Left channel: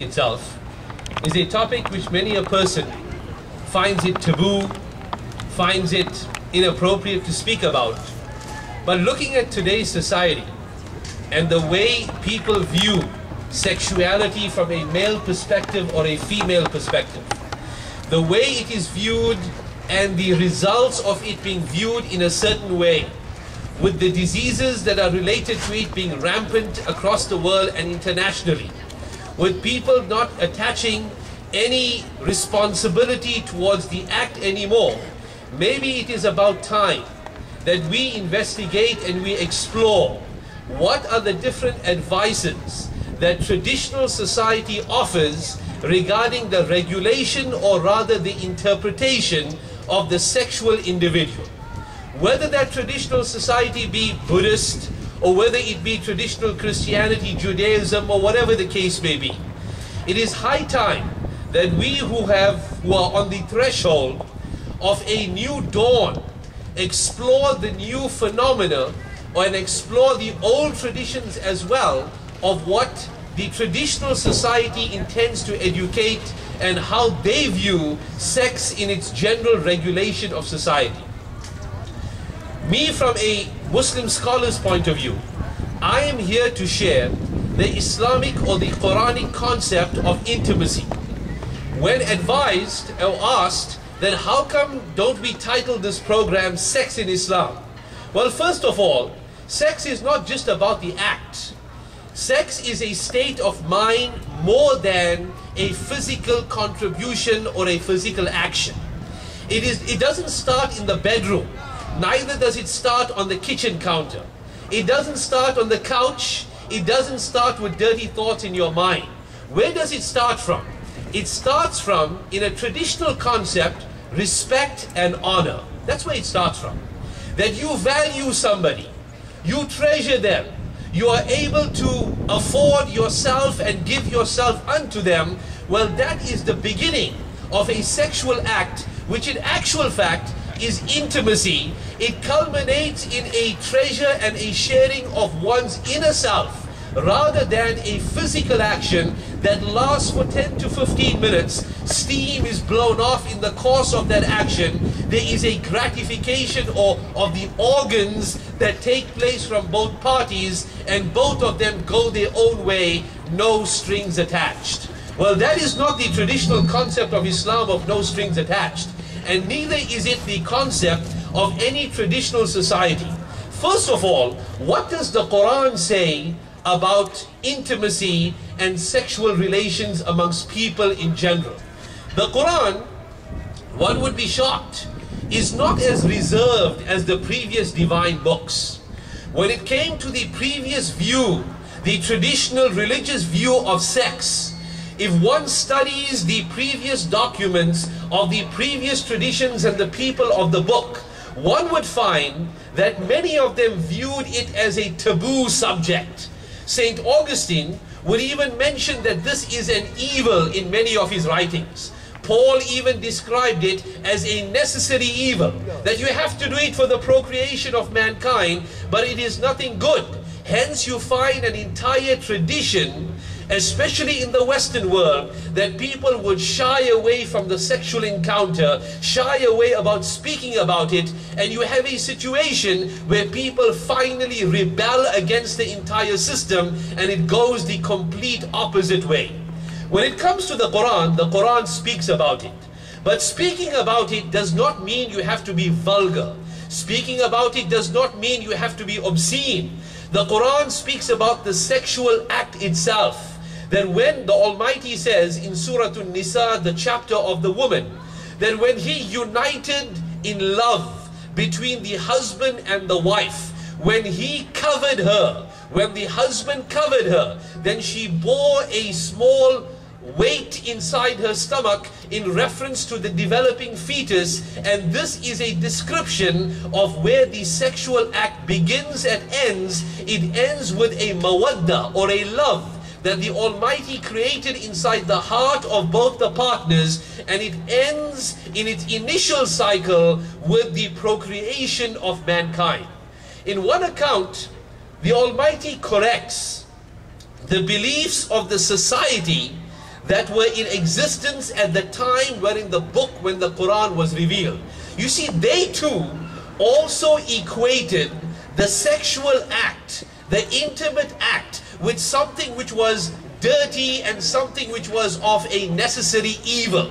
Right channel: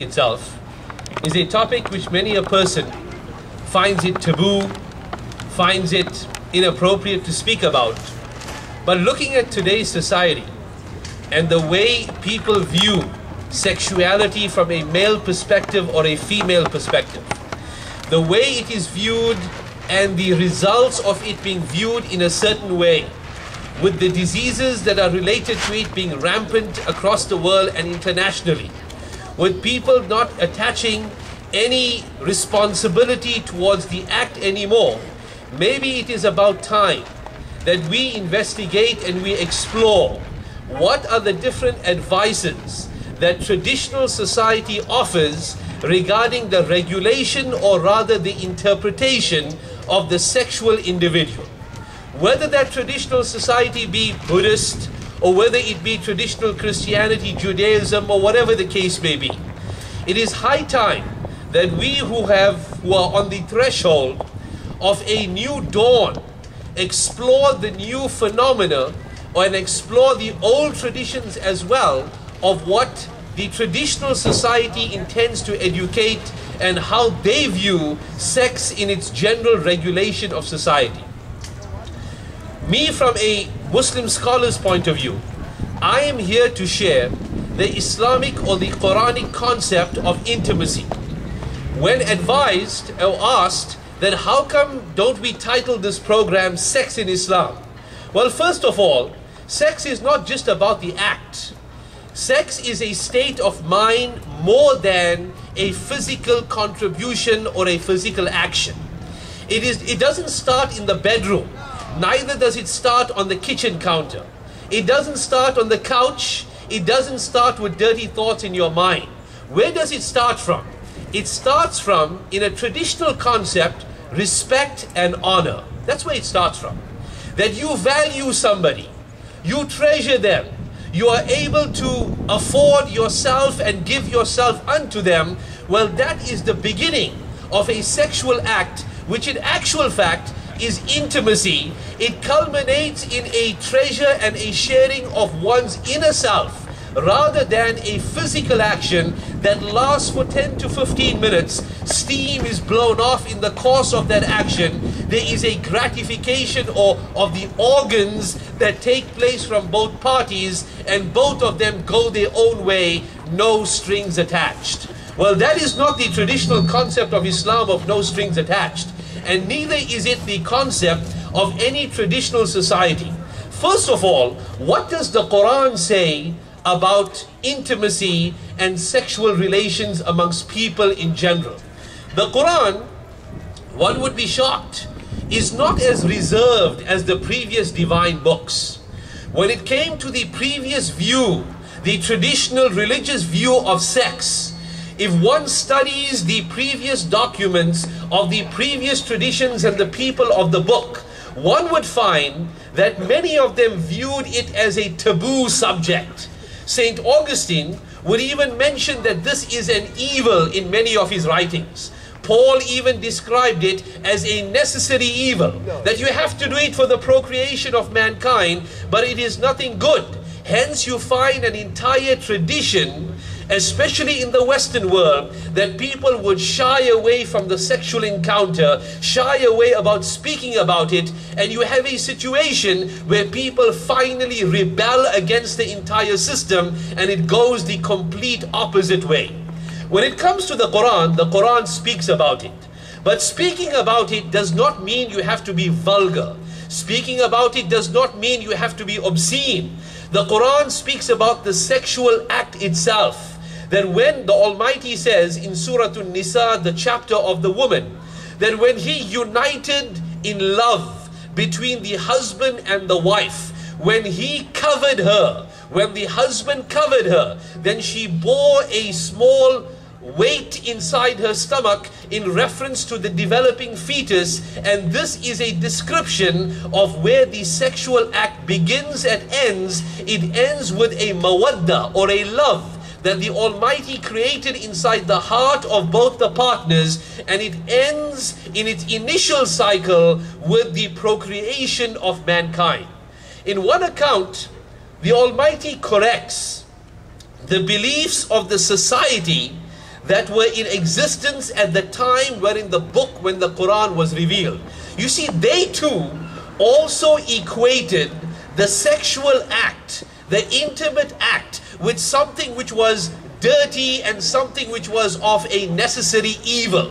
itself is a topic which many a person finds it taboo, finds it inappropriate to speak about. But looking at today's society and the way people view sexuality from a male perspective or a female perspective, the way it is viewed and the results of it being viewed in a certain way, with the diseases that are related to it being rampant across the world and internationally, with people not attaching any responsibility towards the act anymore, maybe it is about time that we investigate and we explore what are the different advices that traditional society offers regarding the regulation, or rather the interpretation of the sexual individual. Whether that traditional society be Buddhist, or whether it be traditional Christianity, Judaism, or whatever the case may be, it is high time that we who are on the threshold of a new dawn explore the new phenomena, and explore the old traditions as well of what the traditional society intends to educate and how they view sex in its general regulation of society. Me, from a Muslim scholar's point of view, I am here to share the Islamic or the Quranic concept of intimacy. When advised or asked that how come don't we title this program Sex in Islam? Well, first of all, sex is not just about the act. Sex is a state of mind more than a physical contribution or a physical action. It doesn't start in the bedroom. Neither does it start on the kitchen counter. It doesn't start on the couch. It doesn't start with dirty thoughts in your mind. Where does it start from? It starts from, in a traditional concept, respect and honor. That's where it starts from. That you value somebody, you treasure them, you are able to afford yourself and give yourself unto them. Well, that is the beginning of a sexual act, which in actual fact is intimacy. It culminates in a treasure and a sharing of one's inner self, rather than a physical action that lasts for 10 to 15 minutes. Steam is blown off in the course of that action. There is a gratification of the organs that take place from both parties, and both of them go their own way, no strings attached. Well, that is not the traditional concept of Islam, of no strings attached. And neither is it the concept of any traditional society. First of all, what does the Quran say about intimacy and sexual relations amongst people in general? The Quran, one would be shocked, is not as reserved as the previous divine books. When it came to the previous view, the traditional religious view of sex, if one studies the previous documents of the previous traditions and the people of the book, one would find that many of them viewed it as a taboo subject. St. Augustine would even mention that this is an evil in many of his writings. Paul even described it as a necessary evil, that you have to do it for the procreation of mankind, but it is nothing good. Hence you find an entire tradition, especially in the Western world, that people would shy away from the sexual encounter, shy away about speaking about it, and you have a situation where people finally rebel against the entire system, and it goes the complete opposite way. When it comes to the Quran speaks about it. But speaking about it does not mean you have to be vulgar. Speaking about it does not mean you have to be obscene. The Quran speaks about the sexual act itself. That when the Almighty says in Surah An-Nisa, the chapter of the woman, that when He united in love between the husband and the wife, when He covered her, when the husband covered her, then she bore a small weight inside her stomach in reference to the developing fetus, and this is a description of where the sexual act begins and ends. It ends with a mawadda, or a love, that the Almighty created inside the heart of both the partners, and it ends in its initial cycle with the procreation of mankind. In one account, the Almighty corrects the beliefs of the society that were in existence at the time when the Quran was revealed. You see, they too also equated the sexual act, the intimate act, with something which was dirty and something which was of a necessary evil.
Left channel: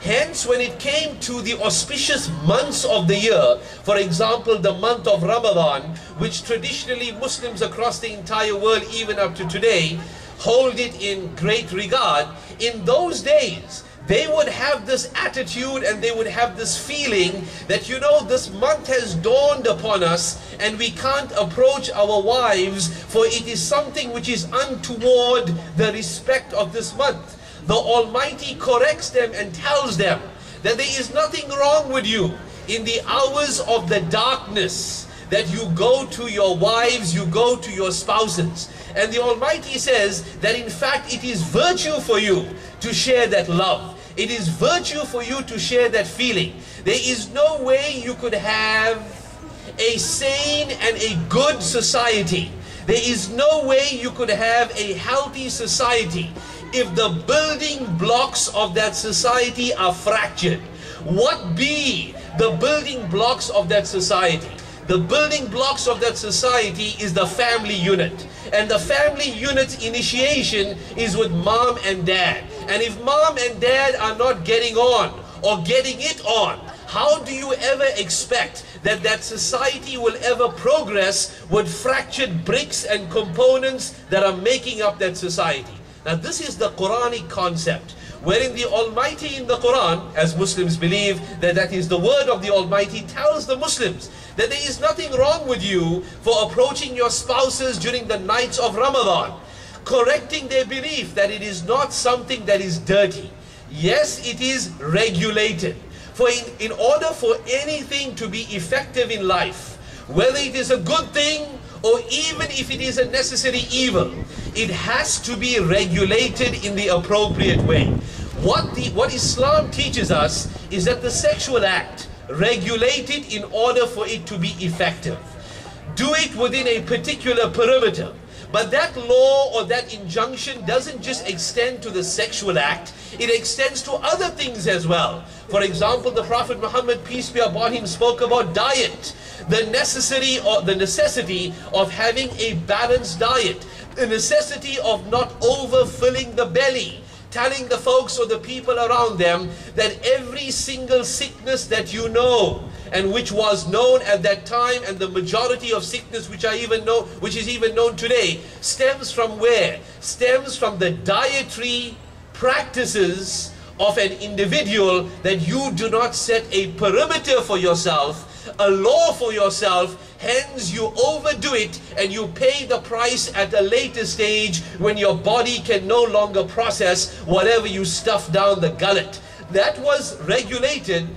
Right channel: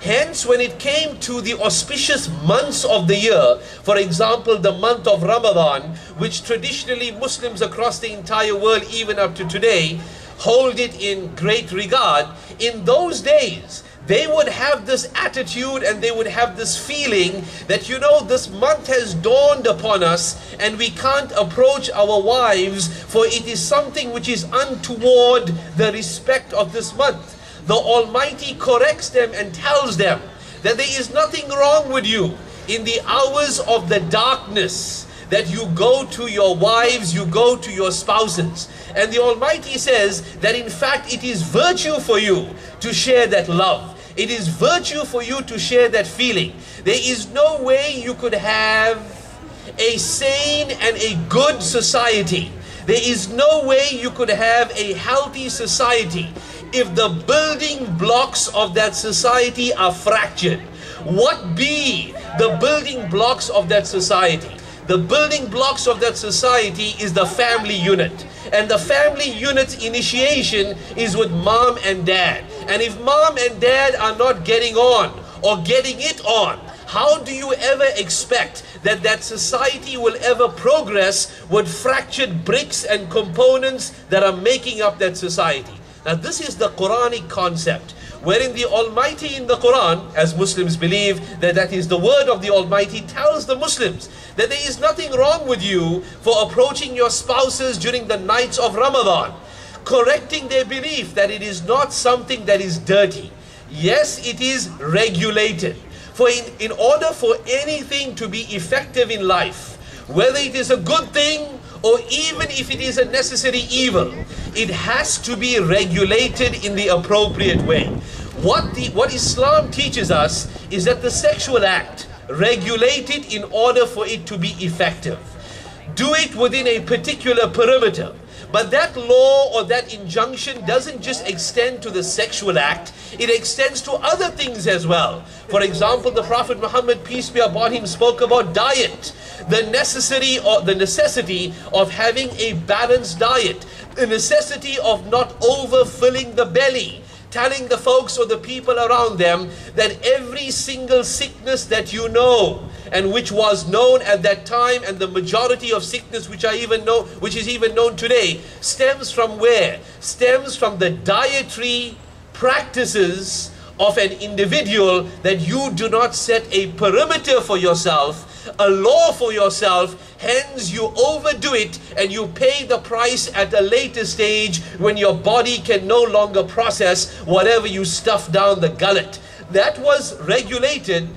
Hence, when it came to the auspicious months of the year, for example, the month of Ramadan, which traditionally Muslims across the entire world, even up to today, hold it in great regard, in those days, they would have this attitude and they would have this feeling that, you know, this month has dawned upon us and we can't approach our wives, for it is something which is untoward the respect of this month. The Almighty corrects them and tells them that there is nothing wrong with you in the hours of the darkness, that you go to your wives, you go to your spouses. And the Almighty says that in fact it is virtue for you to share that love. It is virtue for you to share that feeling. There is no way you could have a sane and a good society. There is no way you could have a healthy society if the building blocks of that society are fractured. What be the building blocks of that society? The building blocks of that society is the family unit. And the family unit's initiation is with mom and dad. And if mom and dad are not getting on or getting it on, how do you ever expect that that society will ever progress with fractured bricks and components that are making up that society? Now this is the Quranic concept, wherein the Almighty in the Quran, as Muslims believe that that is the word of the Almighty, tells the Muslims that there is nothing wrong with you for approaching your spouses during the nights of Ramadan, correcting their belief that it is not something that is dirty. Yes, it is regulated. For in order for anything to be effective in life, whether it is a good thing or even if it is a necessary evil, it has to be regulated in the appropriate way. What Islam teaches us is that the sexual act, regulate it in order for it to be effective. Do it within a particular perimeter. But that law or that injunction doesn't just extend to the sexual act, it extends to other things as well. For example, the Prophet Muhammad, peace be upon him, spoke about diet, the necessity of having a balanced diet, the necessity of not overfilling the belly, telling the folks or the people around them that every single sickness that you know, and which was known at that time, and the majority of sickness which is even known today, stems from where? Stems from the dietary practices of an individual, that you do not set a perimeter for yourself, a law for yourself, hence you overdo it and you pay the price at a later stage when your body can no longer process whatever you stuff down the gullet. That was regulated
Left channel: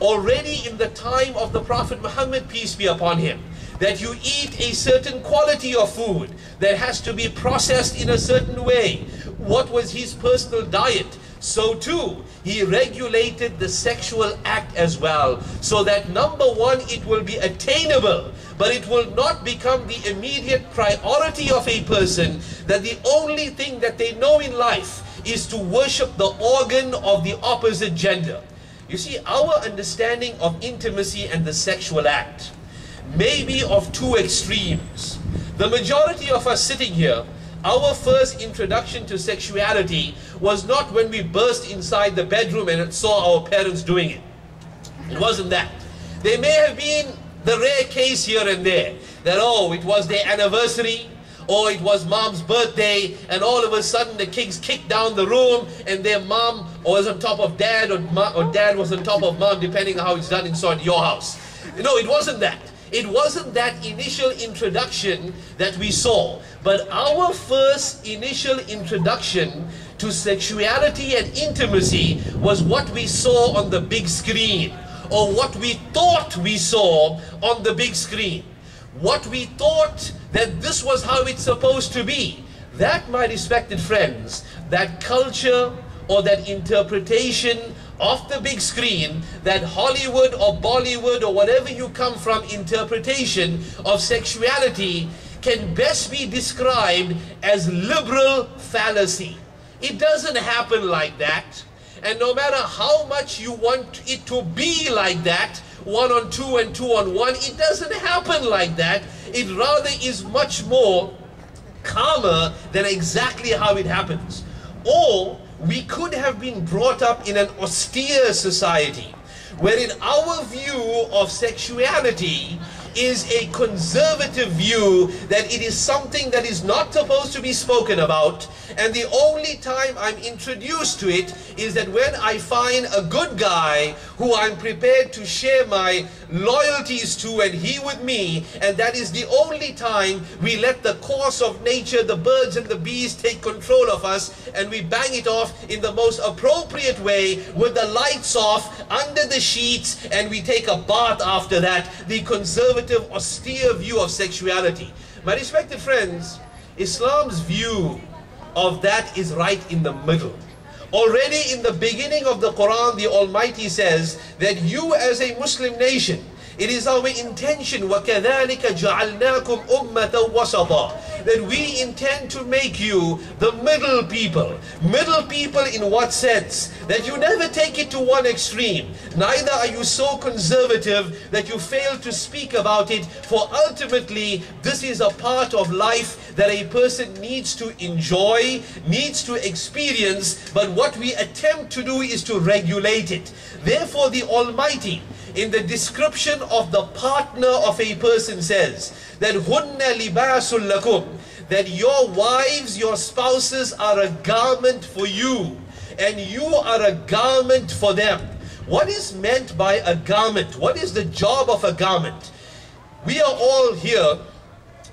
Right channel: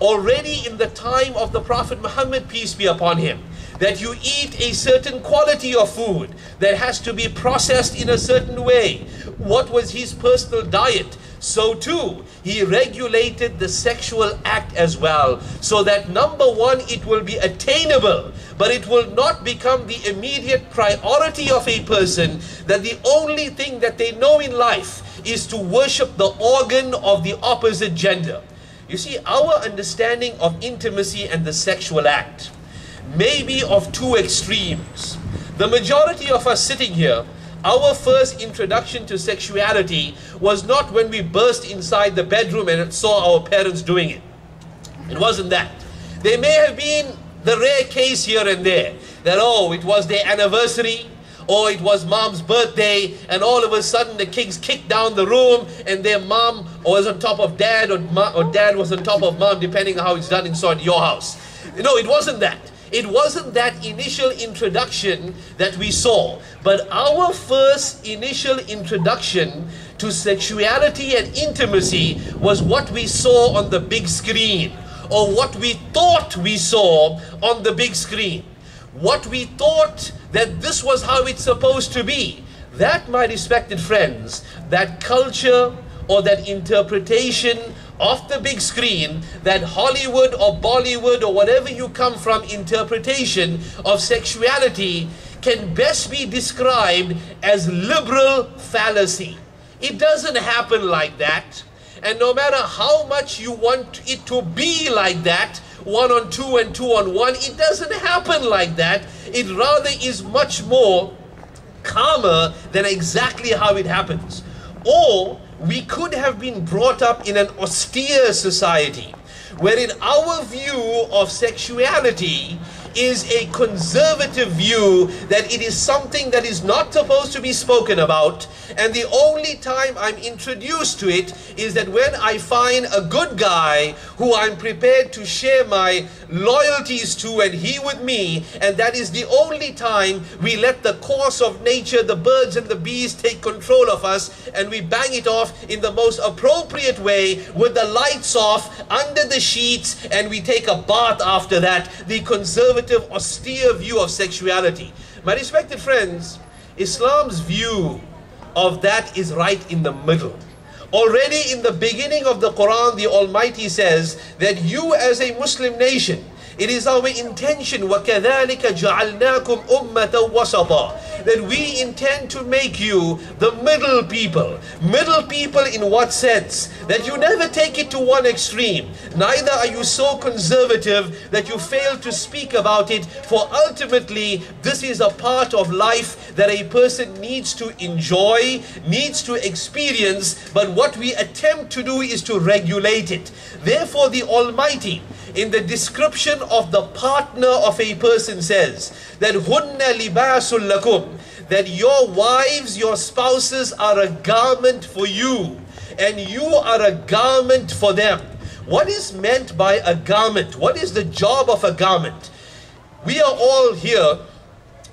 already in the time of the Prophet Muhammad, peace be upon him, that you eat a certain quality of food that has to be processed in a certain way. What was his personal diet? So too, he regulated the sexual act as well, so that number one, it will be attainable, but it will not become the immediate priority of a person, that the only thing that they know in life is to worship the organ of the opposite gender. You see, our understanding of intimacy and the sexual act may be of two extremes. The majority of us sitting here, our first introduction to sexuality was not when we burst inside the bedroom and saw our parents doing it. It wasn't that. There may have been the rare case here and there that, oh, it was their anniversary, or it was mom's birthday, and all of a sudden the kids kicked down the room and their mom was on top of dad, or dad was on top of mom, depending on how it's done inside your house. No, it wasn't that. It wasn't that initial introduction that we saw. But our first initial introduction to sexuality and intimacy was what we saw on the big screen, or what we thought we saw on the big screen. What we thought that this was how it's supposed to be. That, my respected friends, that culture or that interpretation of the big screen, that Hollywood or Bollywood or whatever you come from interpretation of sexuality, can best be described as liberal fallacy. It doesn't happen like that. And no matter how much you want it to be like that, 1 on 2 and 2 on 1, it doesn't happen like that. It rather is much more calmer than exactly how it happens. Or we could have been brought up in an austere society, wherein our view of sexuality is a conservative view, that it is something that is not supposed to be spoken about, and the only time I'm introduced to it is that when I find a good guy who I'm prepared to share my loyalties to, and he with me, and that is the only time we let the course of nature, the birds and the bees, take control of us, and we bang it off in the most appropriate way with the lights off, under the sheets, and we take a bath after that. The conservative, austere view of sexuality. My respected friends, Islam's view of that is right in the middle. Already in the beginning of the Quran, the Almighty says that you as a Muslim nation, it is our intention, وَكَذَلِكَ جَعَلْنَاكُمْ أُمَّةً وَسَطًا, that we intend to make you the middle people. Middle people in what sense? That you never take it to one extreme. Neither are you so conservative that you fail to speak about it, for ultimately this is a part of life that a person needs to enjoy, needs to experience, but what we attempt to do is to regulate it. Therefore the Almighty, in the description of the partner of a person, says that hunna libasul lakum, that your wives, your spouses are a garment for you, and you are a garment for them. What is meant by a garment? What is the job of a garment? We are all here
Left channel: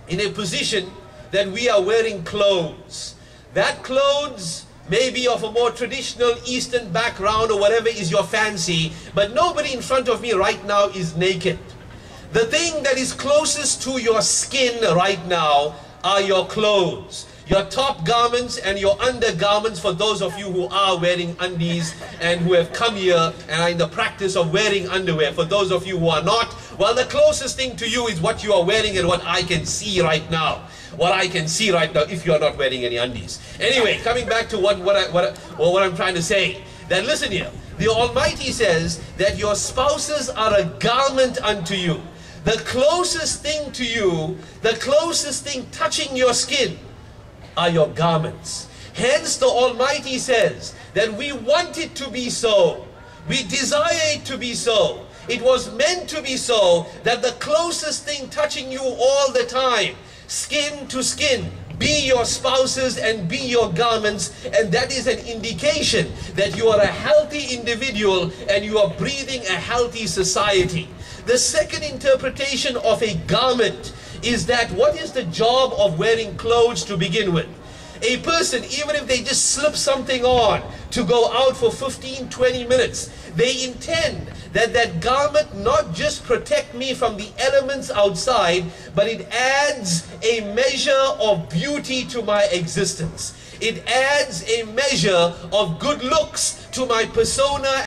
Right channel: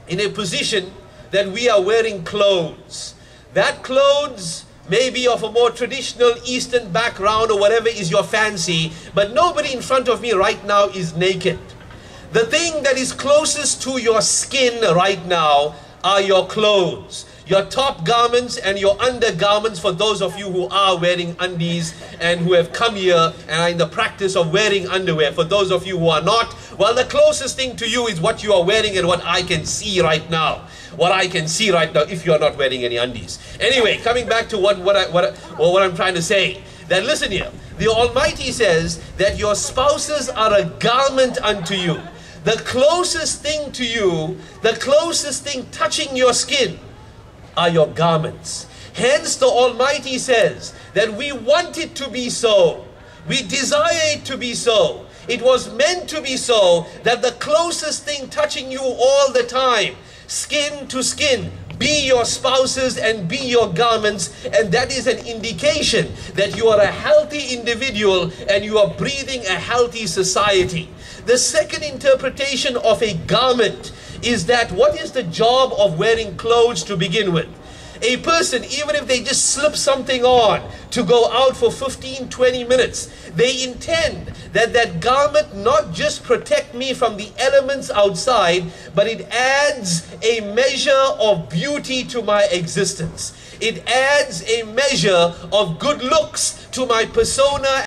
in a position that we are wearing clothes. That clothes may be of a more traditional Eastern background or whatever is your fancy, but nobody in front of me right now is naked. The thing that is closest to your skin right now are your clothes, your top garments and your undergarments, for those of you who are wearing undies and who have come here and are in the practice of wearing underwear. For those of you who are not, well, the closest thing to you is what you are wearing and what I can see right now. What I can see right now, if you are not wearing any undies. Anyway, coming back to what I'm trying to say, that listen here, the Almighty says that your spouses are a garment unto you. The closest thing to you, the closest thing touching your skin are your garments. Hence the Almighty says that we want it to be so. We desire it to be so. It was meant to be so, that the closest thing touching you all the time, skin to skin, be your spouses and be your garments, and that is an indication that you are a healthy individual and you are breathing a healthy society. The second interpretation of a garment is that what is the job of wearing clothes to begin with? A person, even if they just slip something on to go out for 15-20 minutes, they intend that that garment not just protect me from the elements outside, but it adds a measure of beauty to my existence. It adds a measure of good looks to my persona